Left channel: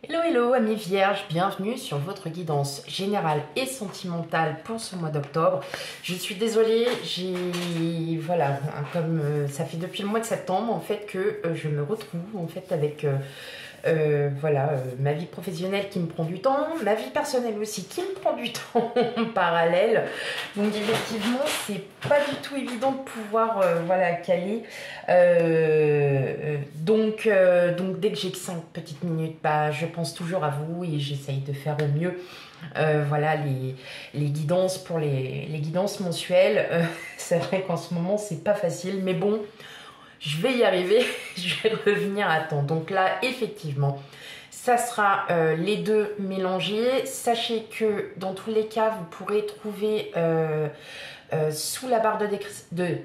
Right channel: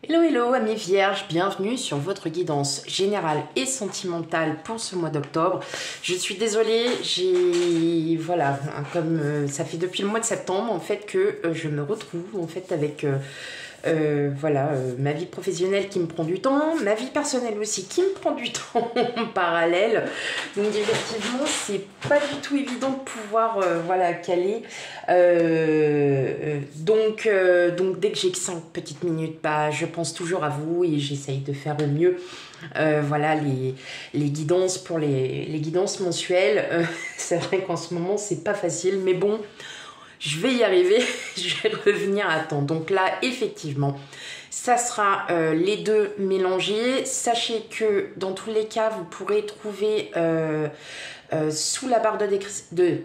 Hello, hello, amis vierges, bienvenue sur votre guidance générale et sentimentale pour ce mois d'octobre. Je suis désolée, voilà, comme ça fait depuis le mois de septembre, en fait, que je me retrouve, en fait, avec, ma vie professionnelle qui me prend du temps, ma vie personnelle aussi qui me prend du temps en parallèle. Donc, effectivement, c'est pas du tout évident de pouvoir, caler. Donc, dès que j'ai 5 petites minutes, je pense toujours à vous et j'essaye de faire au mieux. Les guidances pour les guidances mensuelles. C'est vrai qu'en ce moment, c'est pas facile, mais bon, je vais y arriver. Je vais revenir à temps. Donc là, effectivement, ça sera les deux mélangés. Sachez que dans tous les cas, vous pourrez trouver sous la barre de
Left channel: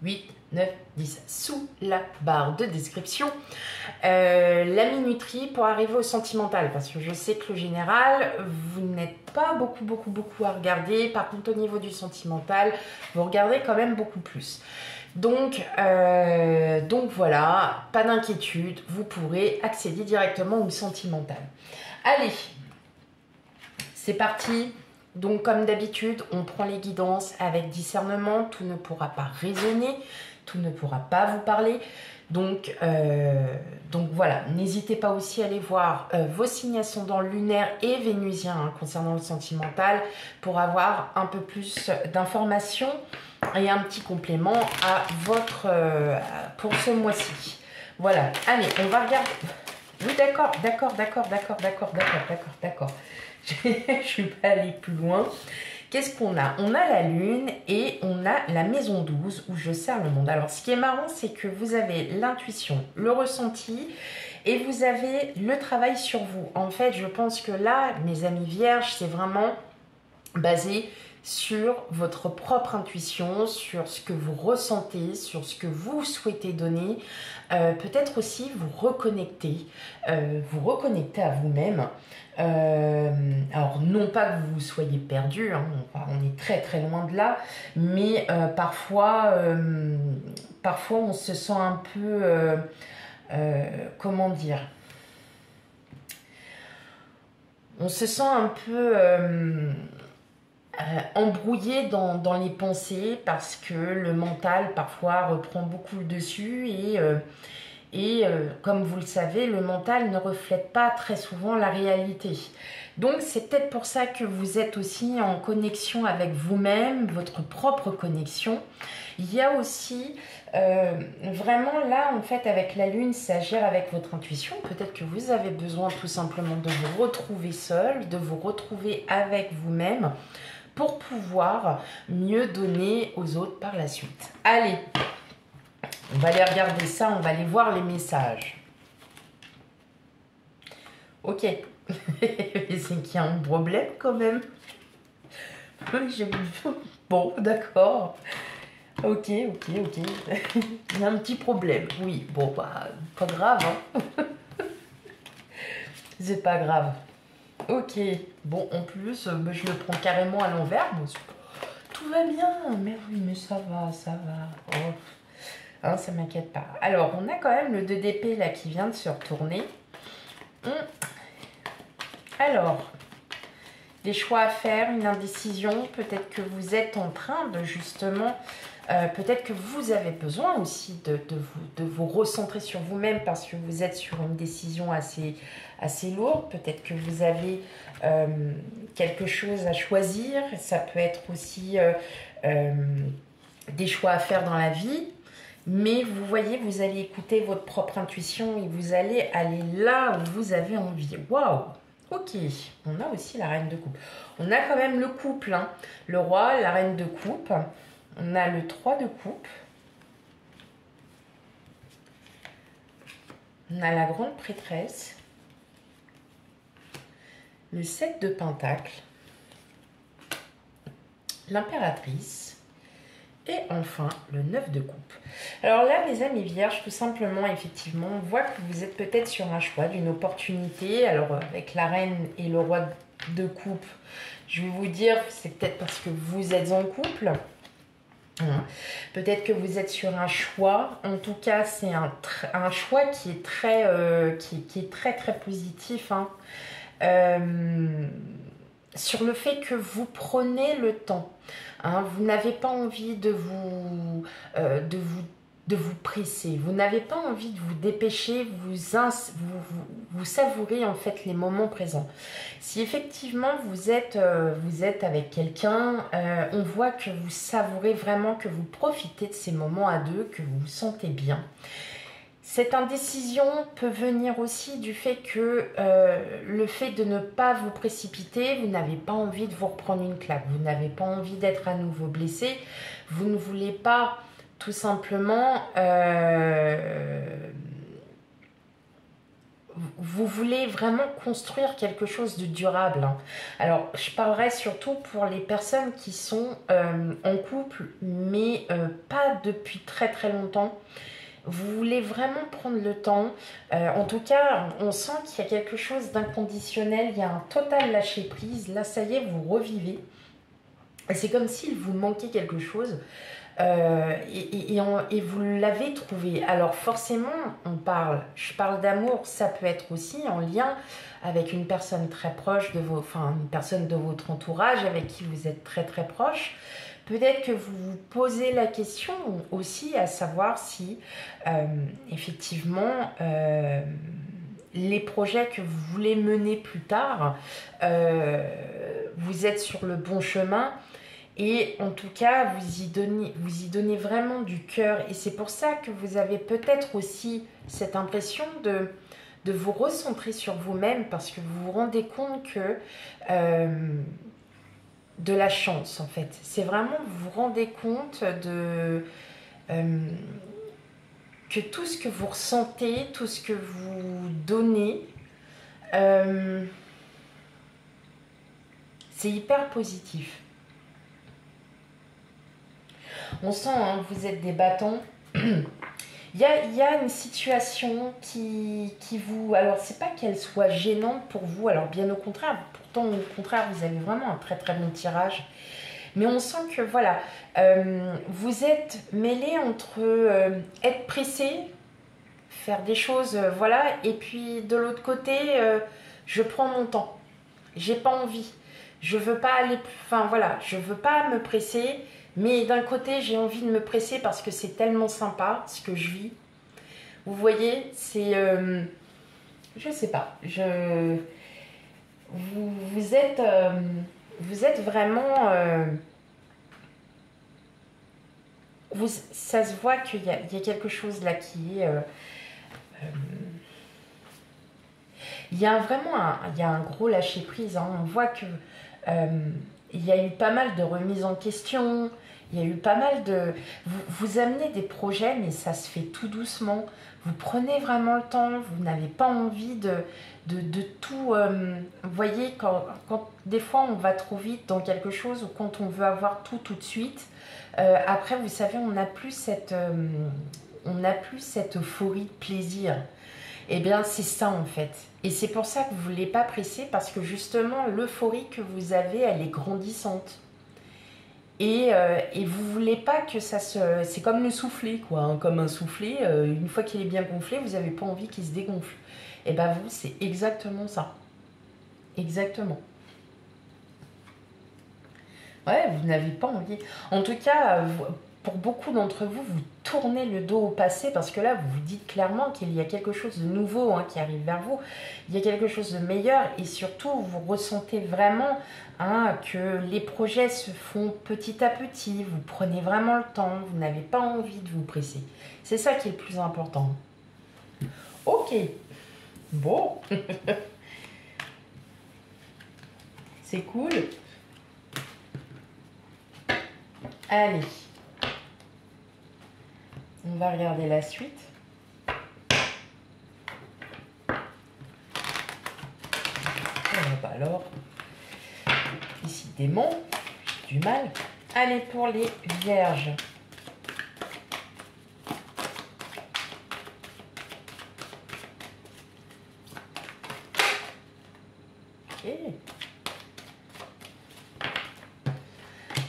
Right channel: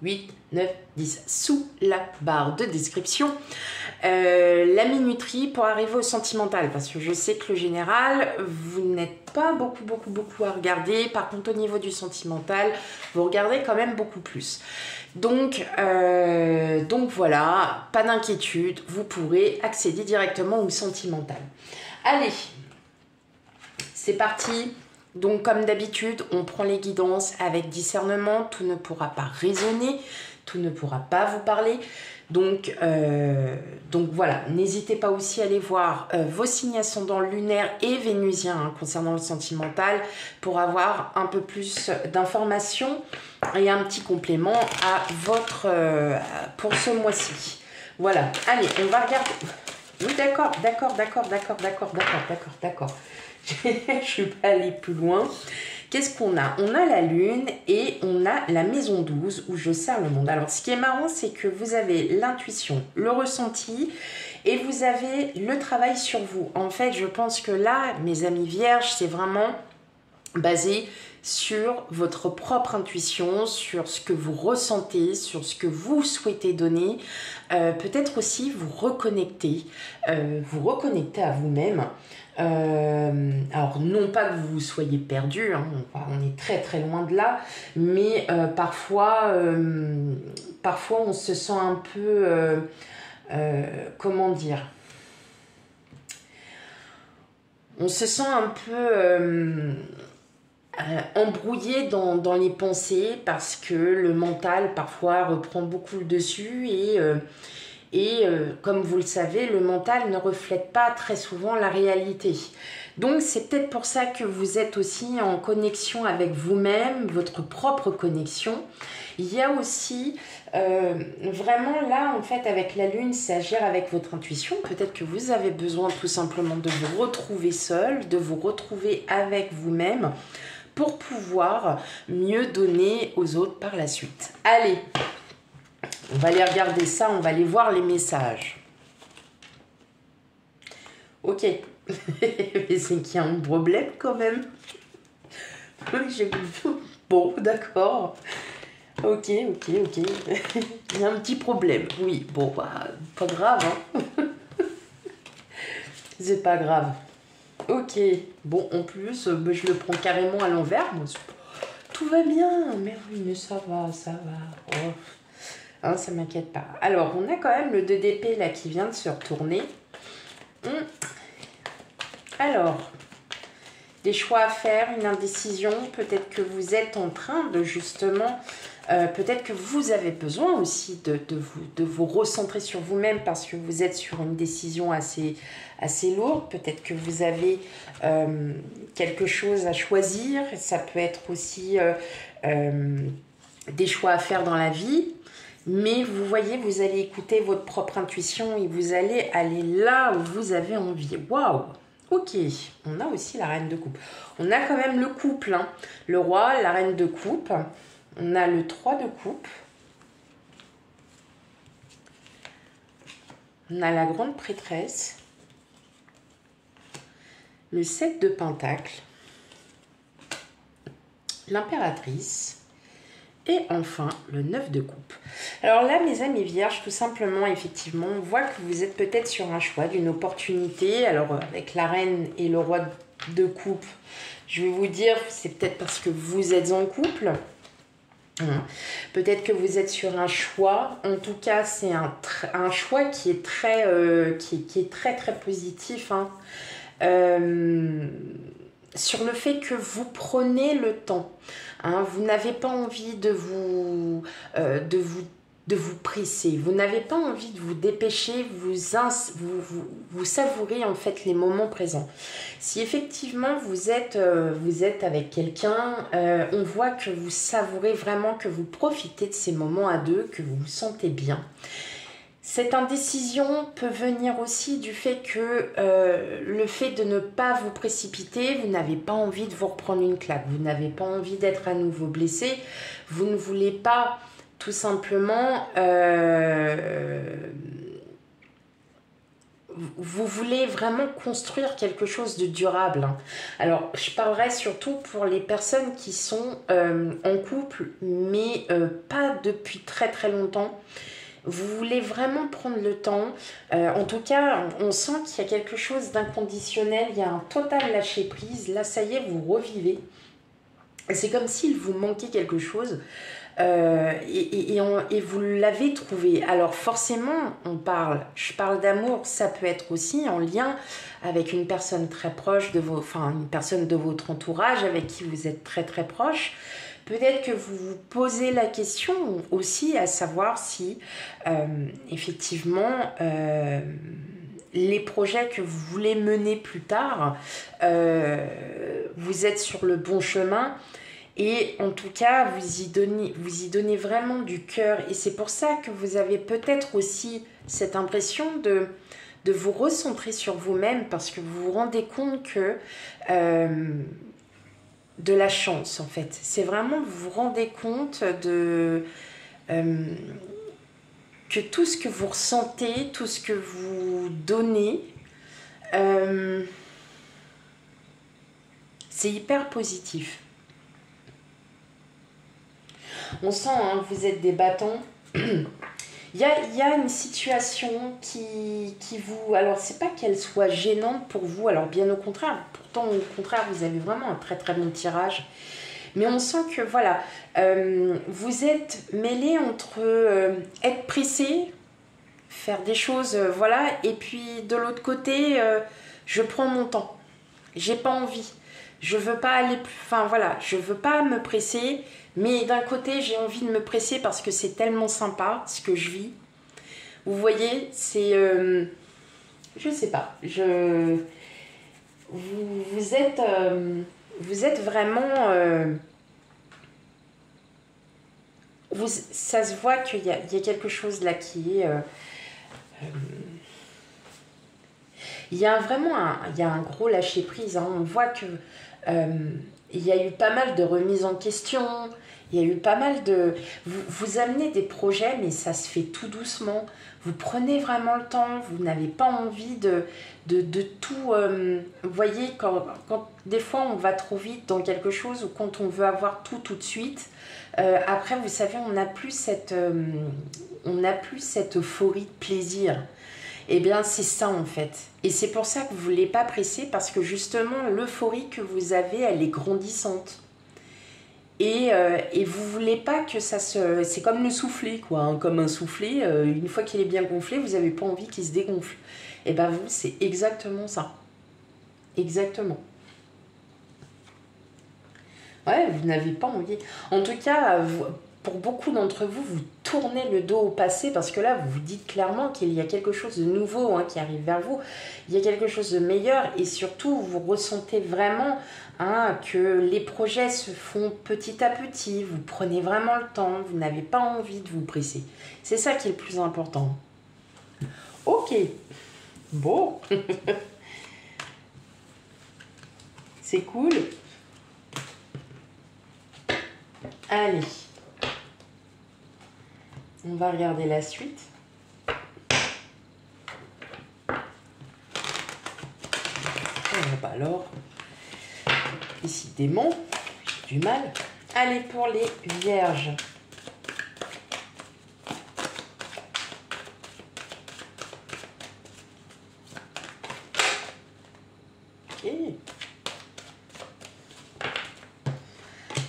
8, 9, 10, sous la barre de description, la minuterie pour arriver au sentimental, parce que je sais que le général, vous n'êtes pas beaucoup à regarder. Par contre, au niveau du sentimental, vous regardez quand même beaucoup plus. Donc voilà, pas d'inquiétude, vous pourrez accéder directement au sentimental. Allez, c'est parti. Donc, comme d'habitude, on prend les guidances avec discernement. Tout ne pourra pas résonner, tout ne pourra pas vous parler. Donc voilà, n'hésitez pas aussi à aller voir vos signes ascendants lunaires et vénusiens concernant le sentimental pour avoir un peu plus d'informations et un petit complément à pour ce mois-ci. Voilà, allez, on va regarder. Oui, d'accord. Je ne suis pas allée plus loin. Qu'est-ce qu'on a? On a la lune et on a la maison 12 où je sers le monde. Alors, ce qui est marrant, c'est que vous avez l'intuition, le ressenti et vous avez le travail sur vous. En fait, je pense que là, mes amis vierges, c'est vraiment basé sur votre propre intuition, sur ce que vous ressentez, sur ce que vous souhaitez donner. Peut-être aussi vous reconnecter à vous-même. Alors non pas que vous soyez perdu, hein, on est très loin de là, mais parfois on se sent un peu, comment dire, on se sent un peu embrouillé dans les pensées parce que le mental parfois reprend beaucoup le dessus et comme vous le savez, le mental ne reflète pas très souvent la réalité. Donc c'est peut-être pour ça que vous êtes aussi en connexion avec vous-même, votre propre connexion. Il y a aussi vraiment là, en fait, avec la lune, ça gère avec votre intuition. Peut-être que vous avez besoin tout simplement de vous retrouver seul, de vous retrouver avec vous-même pour pouvoir mieux donner aux autres par la suite. Allez, on va aller regarder ça, on va aller voir les messages. Ok, mais c'est qu'il y a un problème quand même. Oui, j'ai vu. Bon, d'accord. Ok. Il y a un petit problème, oui. Bon, pas grave, hein. C'est pas grave. Ok, bon, en plus, je le prends carrément à l'envers. Moi, tout va bien, mais ça va. Oh. Hein, ça m'inquiète pas. Alors, on a quand même le 2 d'épée là qui vient de se retourner. Alors, des choix à faire, une indécision. Peut-être que vous êtes en train de justement... peut-être que vous avez besoin aussi de vous recentrer sur vous-même parce que vous êtes sur une décision assez lourde. Peut-être que vous avez quelque chose à choisir. Ça peut être aussi des choix à faire dans la vie. Mais vous voyez, vous allez écouter votre propre intuition et vous allez aller là où vous avez envie. Waouh! Ok, on a aussi la reine de coupe. On a quand même le couple, hein. Le roi, la reine de coupe. On a le 3 de coupe. On a la grande prêtresse. Le 7 de pentacle. L'impératrice. Et enfin, le 9 de coupe. Alors là, mes amis vierges, tout simplement, effectivement, on voit que vous êtes peut-être sur un choix d'une opportunité. Alors, avec la reine et le roi de coupe, je vais vous dire, c'est peut-être parce que vous êtes en couple. Hein. Peut-être que vous êtes sur un choix. En tout cas, c'est un choix qui est qui est très très positif. Hein. Sur le fait que vous prenez le temps. Hein. Vous n'avez pas envie de vous presser. Vous n'avez pas envie de vous dépêcher. Vous savourez en fait les moments présents. Si effectivement vous êtes avec quelqu'un, on voit que vous savourez vraiment, que vous profitez de ces moments à deux, que vous vous sentez bien. Cette indécision peut venir aussi du fait que le fait de ne pas vous précipiter, vous n'avez pas envie de vous reprendre une claque, vous n'avez pas envie d'être à nouveau blessé, vous ne voulez pas tout simplement... vous voulez vraiment construire quelque chose de durable. Hein. Alors, je parlerai surtout pour les personnes qui sont en couple, mais pas depuis très très longtemps. Vous voulez vraiment prendre le temps. En tout cas, on sent qu'il y a quelque chose d'inconditionnel. Il y a un total lâcher prise. Là, ça y est, vous revivez. C'est comme s'il vous manquait quelque chose. Et vous l'avez trouvé. Alors forcément, je parle d'amour, ça peut être aussi en lien avec une personne très proche une personne de votre entourage avec qui vous êtes très très proche. Peut-être que vous vous posez la question aussi à savoir si effectivement les projets que vous voulez mener plus tard, vous êtes sur le bon chemin. Et en tout cas, vous y donnez vraiment du cœur. Et c'est pour ça que vous avez peut-être aussi cette impression de vous recentrer sur vous-même parce que vous vous rendez compte que de la chance, en fait. C'est vraiment, vous vous rendez compte que tout ce que vous ressentez, tout ce que vous donnez, c'est hyper positif. On sent, hein, vous êtes des bâtons. Il y a une situation qui vous... Alors, c'est pas qu'elle soit gênante pour vous. Alors, bien au contraire. Pourtant, au contraire, vous avez vraiment un très très bon tirage. Mais on sent que, voilà, vous êtes mêlé entre être pressé, faire des choses, voilà. Et puis, de l'autre côté, je prends mon temps. J'ai pas envie. Je veux pas aller plus... Enfin, voilà, je veux pas me presser. Mais d'un côté, j'ai envie de me presser parce que c'est tellement sympa ce que je vis. Vous voyez, c'est... je sais pas. Vous êtes vraiment... ça se voit qu'il y a quelque chose là qui est... il y a un gros lâcher prise. Hein. On voit que il y a eu pas mal de remises en question. Il y a eu pas mal de... Vous amenez des projets, mais ça se fait tout doucement. Vous prenez vraiment le temps. Vous n'avez pas envie de tout... vous voyez, quand des fois on va trop vite dans quelque chose ou quand on veut avoir tout de suite, après, vous savez, on n'a plus cette euphorie de plaisir. Eh bien, c'est ça en fait. Et c'est pour ça que vous ne voulez pas presser parce que justement, l'euphorie que vous avez, elle est grandissante. Et vous ne voulez pas que ça se... C'est comme le soufflet, quoi. Hein, comme un soufflet, une fois qu'il est bien gonflé, vous n'avez pas envie qu'il se dégonfle. Et bien, vous, c'est exactement ça. Exactement. Ouais, vous n'avez pas envie. En tout cas, pour beaucoup d'entre vous, vous tournez le dos au passé parce que là, vous vous dites clairement qu'il y a quelque chose de nouveau hein, qui arrive vers vous. Il y a quelque chose de meilleur et surtout, vous ressentez vraiment hein, que les projets se font petit à petit. Vous prenez vraiment le temps. Vous n'avez pas envie de vous presser. C'est ça qui est le plus important. Ok. Bon. C'est cool. Allez. On va regarder la suite. Bah alors, décidément, j'ai du mal. Allez, pour les vierges. Ok.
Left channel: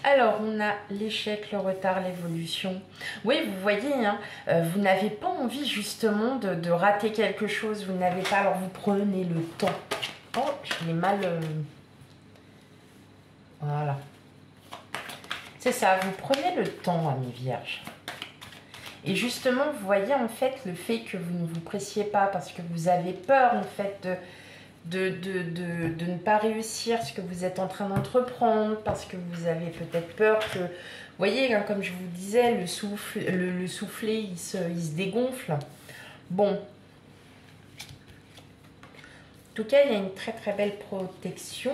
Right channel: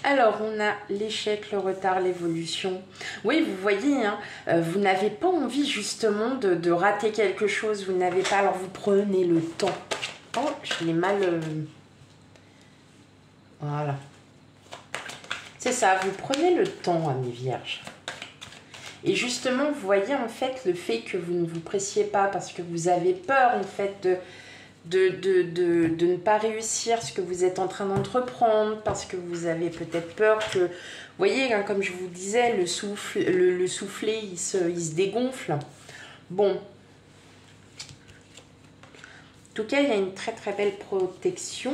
Alors, on a l'échec, le retard, l'évolution. Oui, vous voyez, hein, vous n'avez pas envie justement de rater quelque chose. Vous n'avez pas, alors vous prenez le temps. Oh, je l'ai mal... Voilà. C'est ça, vous prenez le temps, amis vierges. Et justement, vous voyez en fait le fait que vous ne vous pressiez pas parce que vous avez peur en fait de ne pas réussir ce que vous êtes en train d'entreprendre, parce que vous avez peut-être peur que, vous voyez, hein, comme je vous disais, le soufflet, il se dégonfle. Bon. En tout cas, il y a une très très belle protection.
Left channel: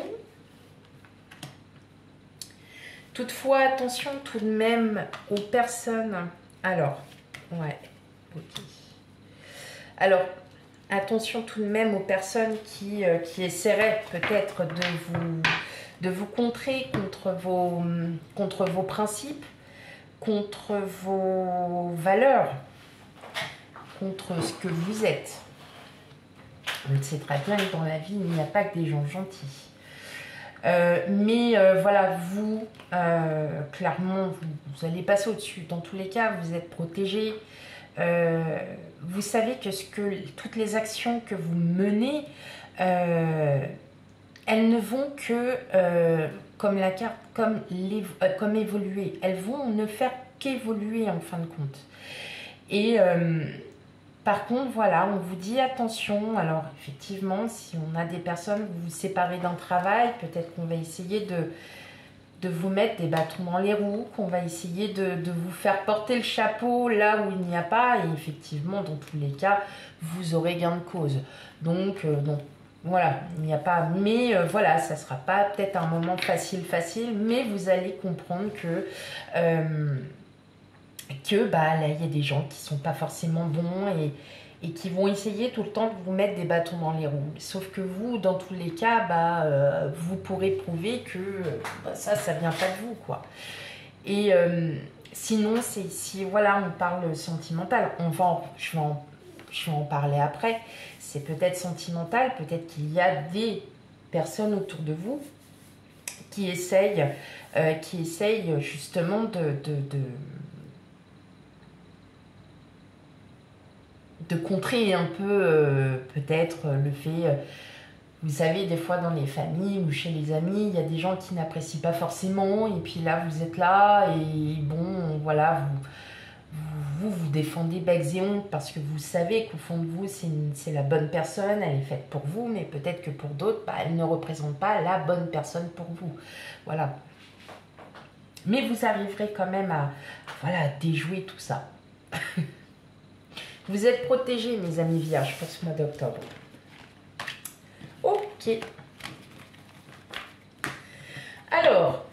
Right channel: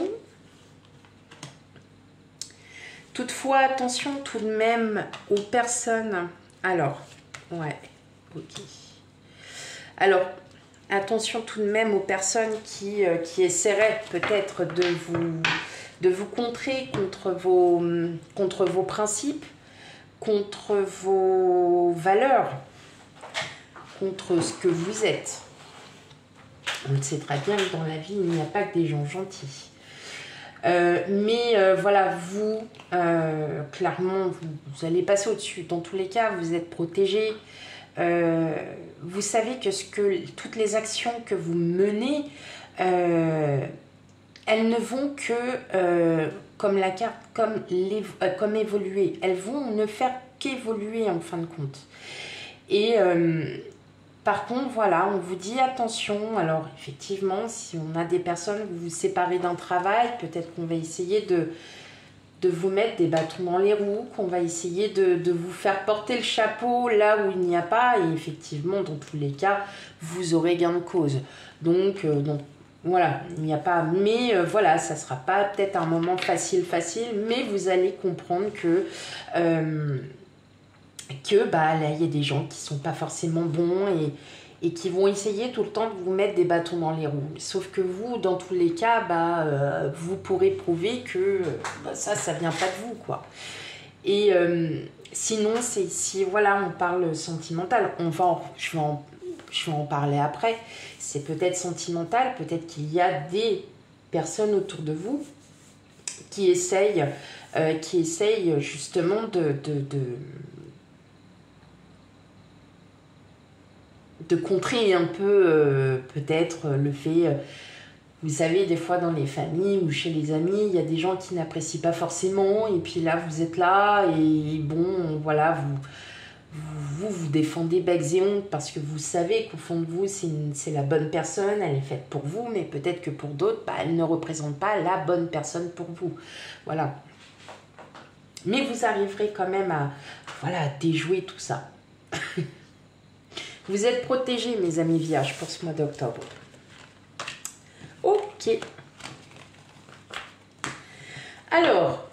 Toutefois, attention tout de même aux personnes. Alors, ouais, ok. Alors, attention tout de même aux personnes qui essaieraient peut-être de vous contrer contre vos principes, contre vos valeurs, contre ce que vous êtes. On le sait très bien que dans la vie, il n'y a pas que des gens gentils. Voilà, vous, clairement, vous allez passer au-dessus. Dans tous les cas, vous êtes protégé. Vous savez que toutes les actions que vous menez, elles ne vont que, comme la carte, comme évoluer. Elles vont ne faire qu'évoluer en fin de compte. Et par contre, voilà, on vous dit attention. Alors, effectivement, si on a des personnes, vous vous séparez d'un travail, peut-être qu'on va essayer de vous mettre des bâtons dans les roues, qu'on va essayer de vous faire porter le chapeau là où il n'y a pas. Et effectivement, dans tous les cas, vous aurez gain de cause. Donc voilà, il n'y a pas... Mais voilà, ça ne sera pas peut-être un moment facile, mais vous allez comprendre que... là, il y a des gens qui sont pas forcément bons et qui vont essayer tout le temps de vous mettre des bâtons dans les roues. Sauf que vous, dans tous les cas, vous pourrez prouver que ça vient pas de vous, quoi. Et sinon, si voilà, on parle sentimental, je vais en parler après. C'est peut-être sentimental, peut-être qu'il y a des personnes autour de vous qui essayent justement de contrer un peu peut-être le fait, vous savez, des fois dans les familles ou chez les amis, il y a des gens qui n'apprécient pas forcément, et puis là vous êtes là et bon, voilà, vous défendez becs et ongles parce que vous savez qu'au fond de vous c'est la bonne personne, elle est faite pour vous, mais peut-être que pour d'autres, elle ne représente pas la bonne personne pour vous, voilà. Mais vous arriverez quand même à déjouer tout ça. Vous êtes protégés, mes amis vierges, pour ce mois d'octobre. Ok. Alors,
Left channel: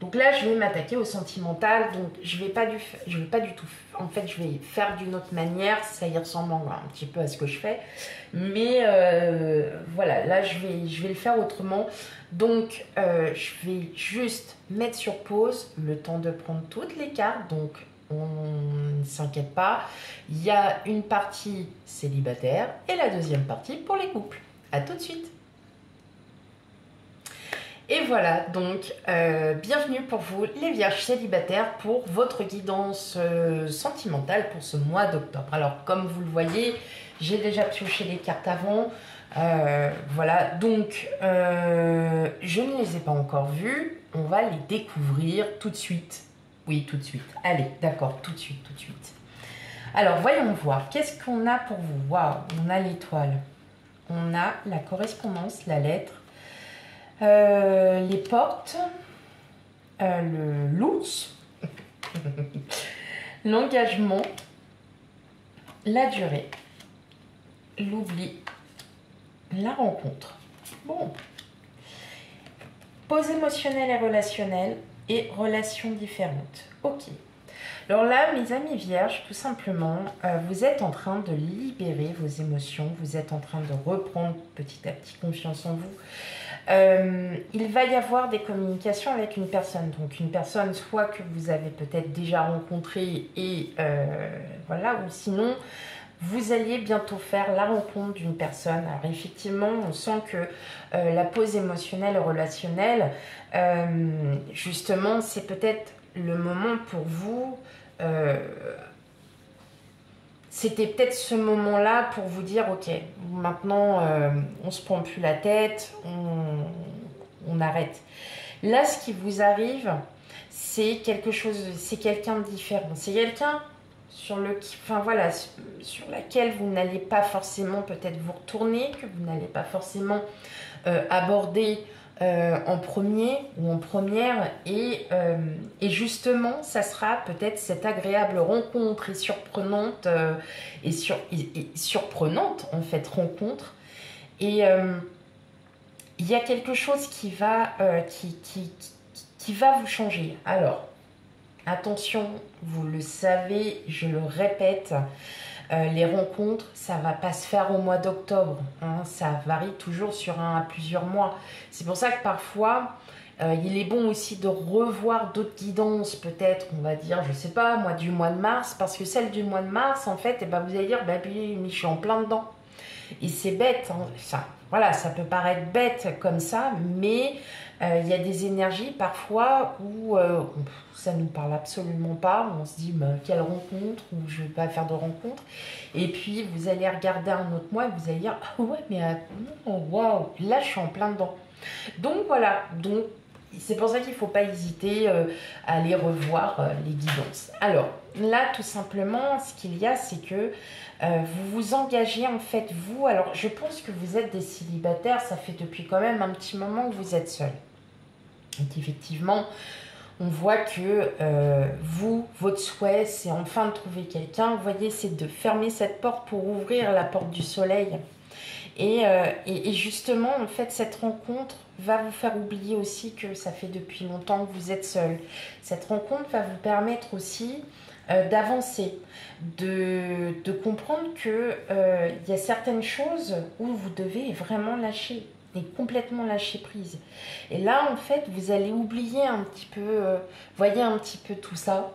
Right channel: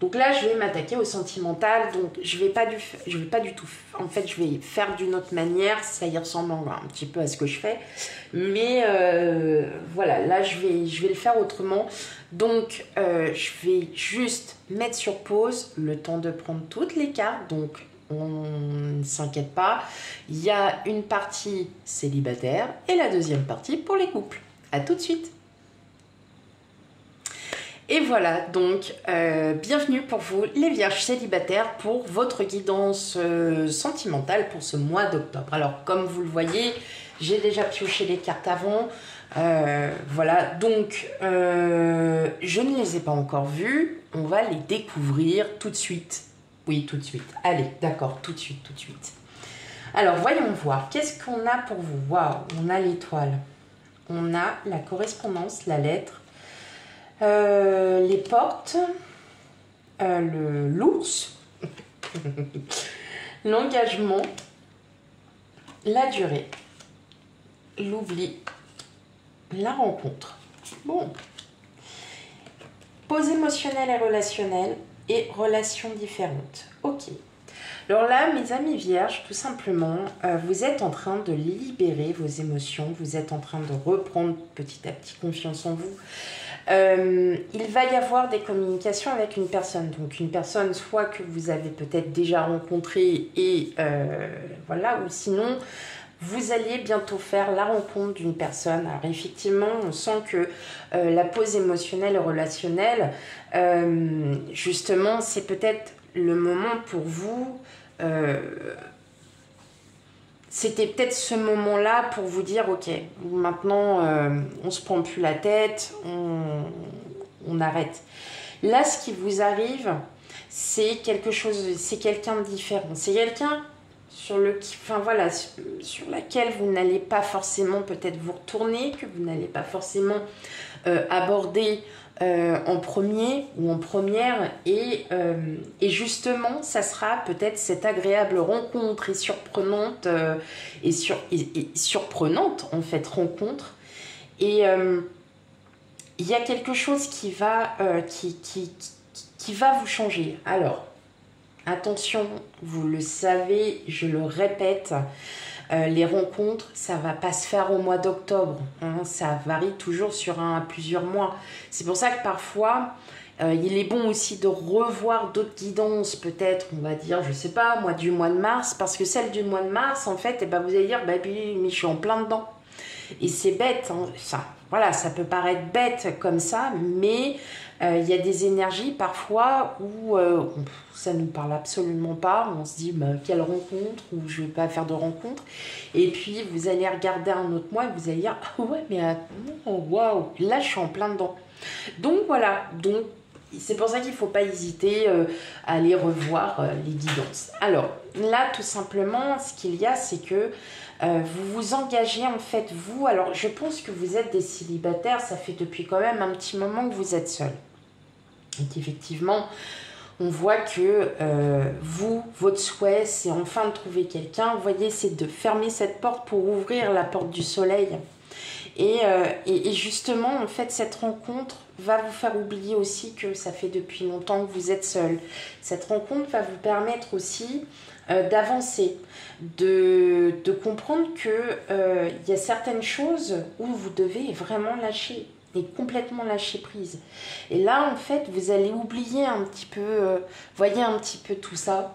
donc là, je vais m'attaquer au sentimental. Donc, je vais pas du tout... En fait, je vais faire d'une autre manière. Ça y ressemble un petit peu à ce que je fais. Mais voilà, là, je vais le faire autrement. Donc, je vais juste mettre sur pause le temps de prendre toutes les cartes. Donc, on ne s'inquiète pas, il y a une partie célibataire et la deuxième partie pour les couples. À tout de suite. Et voilà, donc bienvenue pour vous les vierges célibataires pour votre guidance sentimentale pour ce mois d'octobre. Alors comme vous le voyez, j'ai déjà pioché les cartes avant. Voilà, donc je ne les ai pas encore vues, on va les découvrir tout de suite. Oui, tout de suite. Allez, d'accord, tout de suite. Alors, voyons voir. Qu'est-ce qu'on a pour vous? Waouh, on a l'étoile. On a la correspondance, la lettre, les portes, l'ours, l'engagement, la durée, l'oubli, la rencontre. Bon. Pause émotionnelle et relationnelle. Et relations différentes. Ok. Alors là, mes amis vierges, tout simplement, vous êtes en train de libérer vos émotions. Vous êtes en train de reprendre petit à petit confiance en vous. Il va y avoir des communications avec une personne. Donc une personne soit que vous avez peut-être déjà rencontrée et voilà, ou sinon vous alliez bientôt faire la rencontre d'une personne. Alors effectivement, on sent que la pause émotionnelle et relationnelle, justement, c'est peut-être le moment pour vous... c'était peut-être ce moment-là pour vous dire, ok, maintenant, on se prend plus la tête, on arrête. Là, ce qui vous arrive, c'est quelque chose, c'est quelqu'un de différent. C'est quelqu'un sur sur laquelle vous n'allez pas forcément peut-être vous retourner, que vous n'allez pas forcément aborder en premier ou en première, et justement ça sera peut-être cette agréable rencontre et surprenante et surprenante en fait rencontre, et il y a quelque chose qui va qui va vous changer. Alors attention, vous le savez, je le répète, les rencontres, ça va pas se faire au mois d'octobre, hein, ça varie toujours sur un à plusieurs mois. C'est pour ça que parfois, il est bon aussi de revoir d'autres guidances, peut-être, on va dire, je sais pas, moi, du mois de mars, parce que celle du mois de mars, en fait, eh ben, vous allez dire, bah, puis, je suis en plein dedans. Et c'est bête, hein, ça, voilà, ça peut paraître bête comme ça, mais il y a des énergies parfois où ça ne nous parle absolument pas. On se dit, bah, quelle rencontre, ou je ne vais pas faire de rencontre. Et puis, vous allez regarder un autre mois et vous allez dire, ah ouais, mais waouh, là, je suis en plein dedans. Donc, voilà, donc, c'est pour ça qu'il ne faut pas hésiter à aller revoir les guidances. Alors, là, tout simplement, ce qu'il y a, c'est que vous vous engagez en fait, vous, alors je pense que vous êtes des célibataires, ça fait depuis quand même un petit moment que vous êtes seuls. Et qu'effectivement, on voit que vous, votre souhait, c'est enfin de trouver quelqu'un. Vous voyez, c'est de fermer cette porte pour ouvrir la porte du soleil. Et justement, en fait, cette rencontre va vous faire oublier aussi que ça fait depuis longtemps que vous êtes seul. Cette rencontre va vous permettre aussi d'avancer, de comprendre que y a certaines choses où vous devez vraiment lâcher et complètement lâcher prise. Et là, en fait, vous allez oublier un petit peu, voyez un petit peu tout ça.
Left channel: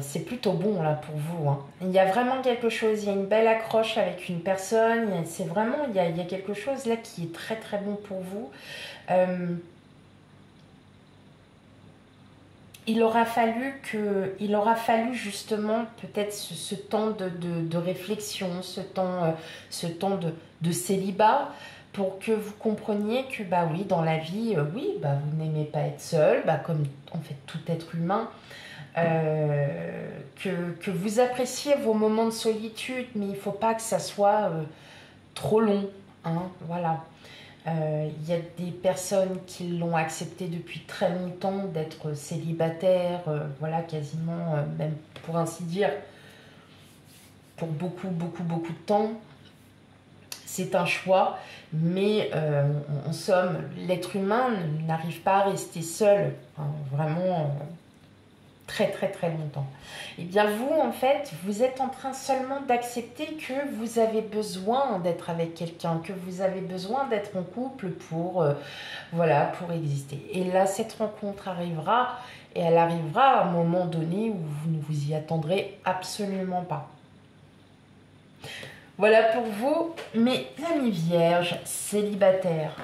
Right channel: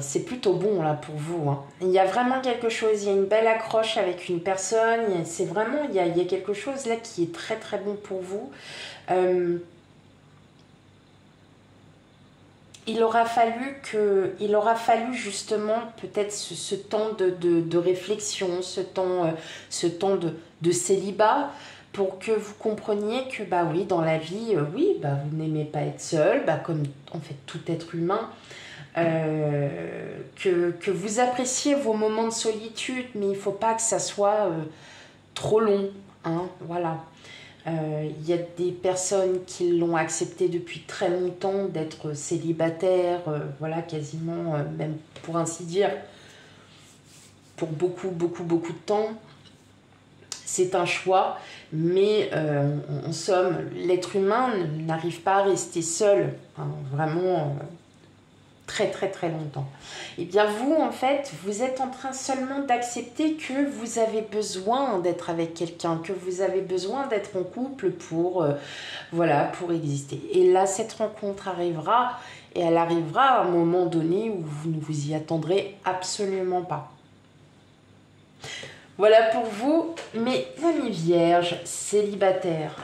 C'est plutôt bon là pour vous, hein. Il y a vraiment quelque chose, il y a une belle accroche avec une personne, c'est vraiment, il y a quelque chose là qui est très très bon pour vous. Il aura fallu justement peut-être ce temps de réflexion, ce temps de célibat, pour que vous compreniez que bah oui, dans la vie, oui, bah vous n'aimez pas être seul, bah comme en fait tout être humain. Que vous appréciez vos moments de solitude, mais il ne faut pas que ça soit trop long, hein, voilà. Il y a des personnes qui l'ont accepté depuis très longtemps d'être célibataires, voilà, quasiment, même pour ainsi dire, pour beaucoup, beaucoup, beaucoup de temps. C'est un choix, mais en somme, l'être humain n'arrive pas à rester seul, hein, vraiment très très très longtemps. Et bien vous, en fait, vous êtes en train seulement d'accepter que vous avez besoin d'être avec quelqu'un, que vous avez besoin d'être en couple pour, voilà, pour exister. Et là, cette rencontre arrivera, et elle arrivera à un moment donné où vous ne vous y attendrez absolument pas. Voilà pour vous, mes amis vierges, célibataires.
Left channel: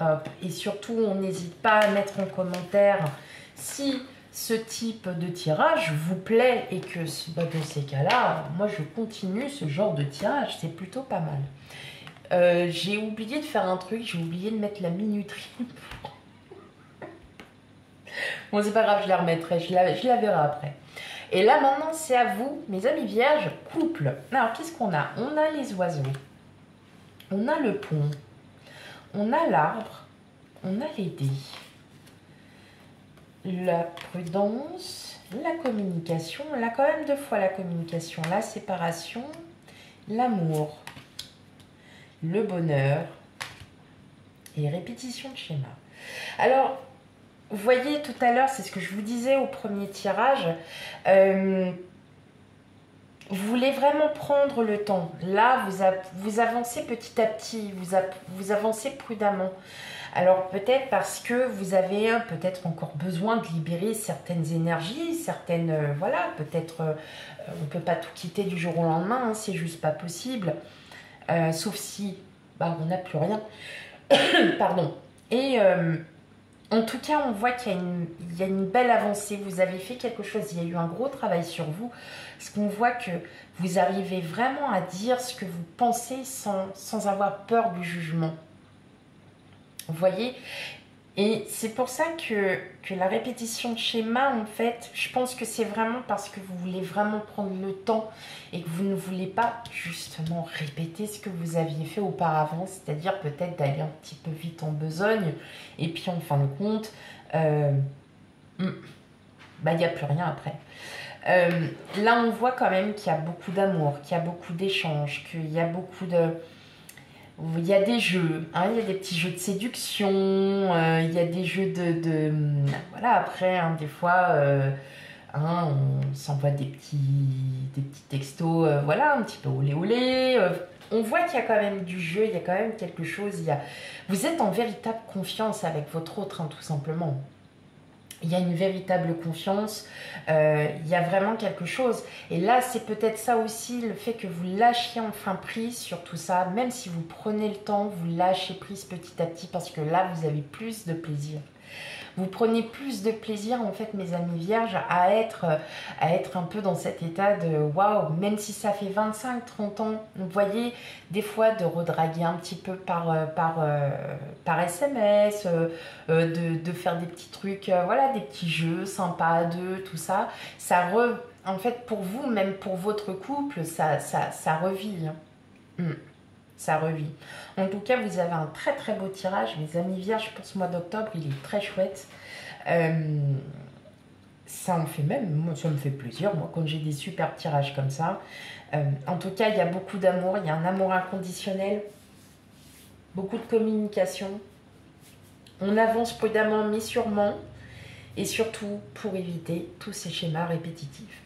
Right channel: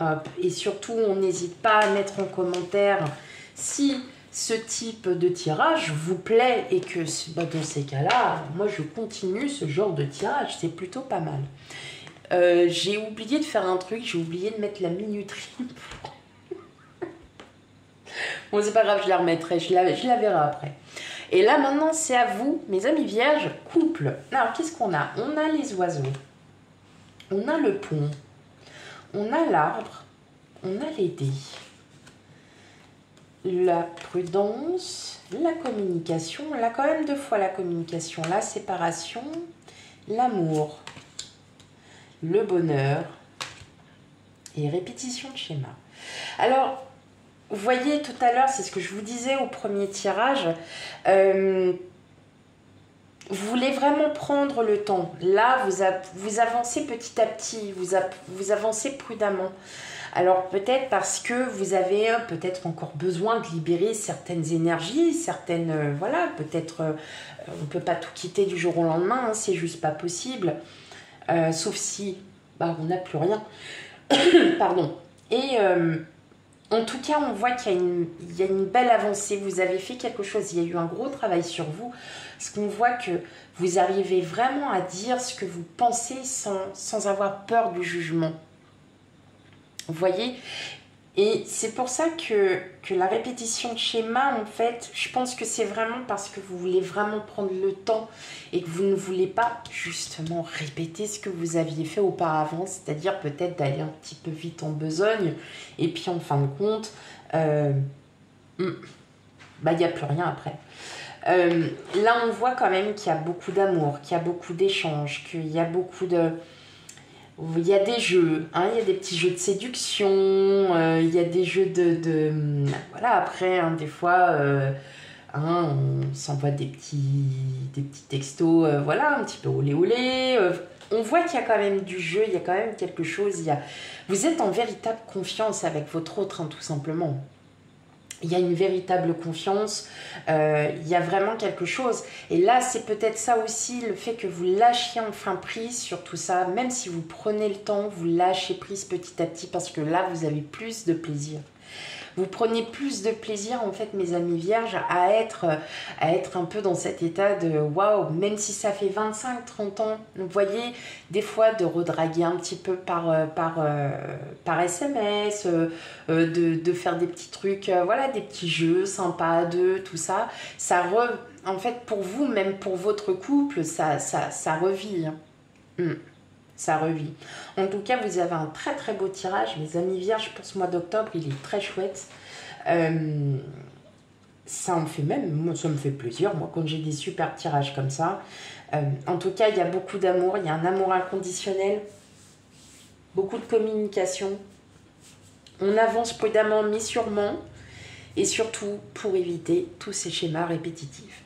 Hop. Et surtout, on n'hésite pas à mettre en commentaire si ce type de tirage vous plaît et que dans ces cas-là, moi je continue ce genre de tirage, c'est plutôt pas mal. J'ai oublié de faire un truc, j'ai oublié de mettre la minuterie. Bon, c'est pas grave, je la remettrai, je la verrai après. Et là maintenant, c'est à vous, mes amis vierges, couple. Alors, qu'est-ce qu'on a? On a les oiseaux, on a le pont, on a l'arbre, on a les dés. La prudence, la communication, là quand même 2 fois la communication, la séparation, l'amour, le bonheur et répétition de schéma. Alors, vous voyez tout à l'heure, c'est ce que je vous disais au premier tirage, Vous voulez vraiment prendre le temps. Là, vous avancez petit à petit, vous avancez prudemment. Alors peut-être parce que vous avez peut-être encore besoin de libérer certaines énergies, certaines... voilà, peut-être on ne peut pas tout quitter du jour au lendemain, hein, c'est juste pas possible. Sauf si bah, on n'a plus rien. Pardon. Et en tout cas, on voit qu'il y a une belle avancée. Vous avez fait quelque chose, il y a eu un gros travail sur vous. Parce qu'on voit que vous arrivez vraiment à dire ce que vous pensez sans avoir peur du jugement. Vous voyez? Et c'est pour ça que la répétition de schéma, en fait, je pense que c'est vraiment parce que vous voulez vraiment prendre le temps et que vous ne voulez pas justement répéter ce que vous aviez fait auparavant, c'est-à-dire peut-être d'aller un petit peu vite en besogne et puis en fin de compte, bah, il n'y a plus rien après. Là, on voit quand même qu'il y a beaucoup d'amour, qu'il y a beaucoup d'échanges, qu'il y a beaucoup de... Il y a des jeux, hein, il y a des petits jeux de séduction, il y a des jeux voilà, après, hein, des fois, hein, on s'envoie des petits textos, voilà, un petit peu olé olé. On voit qu'il y a quand même du jeu, il y a quand même quelque chose. Vous êtes en véritable confiance avec votre autre, hein, tout simplement. Il y a une véritable confiance, il y a vraiment quelque chose. Et là, c'est peut-être ça aussi, le fait que vous lâchiez enfin prise sur tout ça, même si vous prenez le temps, vous lâchez prise petit à petit, parce que là, vous avez plus de plaisir. Vous prenez plus de plaisir, en fait, mes amis vierges, à être un peu dans cet état de waouh, même si ça fait 25-30 ans, vous voyez, des fois de redraguer un petit peu par SMS, de faire des petits trucs, voilà, des petits jeux sympas à deux, tout ça. En fait, pour vous, même pour votre couple, ça revit. Hein. Ça revit. En tout cas, vous avez un très très beau tirage, mes amis vierges, pour ce mois d'octobre, il est très chouette. Ça me fait moi, ça me fait plaisir, moi, quand j'ai des super tirages comme ça. En tout cas, il y a beaucoup d'amour, il y a un amour inconditionnel, beaucoup de communication. On avance prudemment mais sûrement, et surtout pour éviter tous ces schémas répétitifs.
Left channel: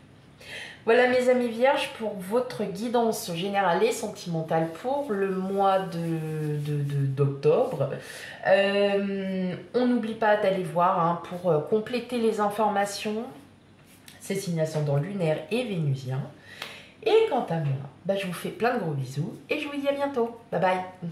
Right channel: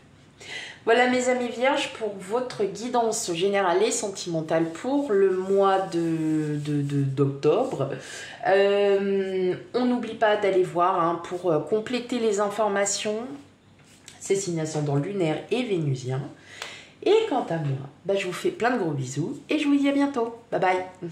Voilà mes amis vierges pour votre guidance générale et sentimentale pour le mois d'octobre. On n'oublie pas d'aller voir hein, pour compléter les informations. C'est signe ascendant lunaire et vénusien. Et quant à moi, bah, je vous fais plein de gros bisous et je vous dis à bientôt. Bye bye.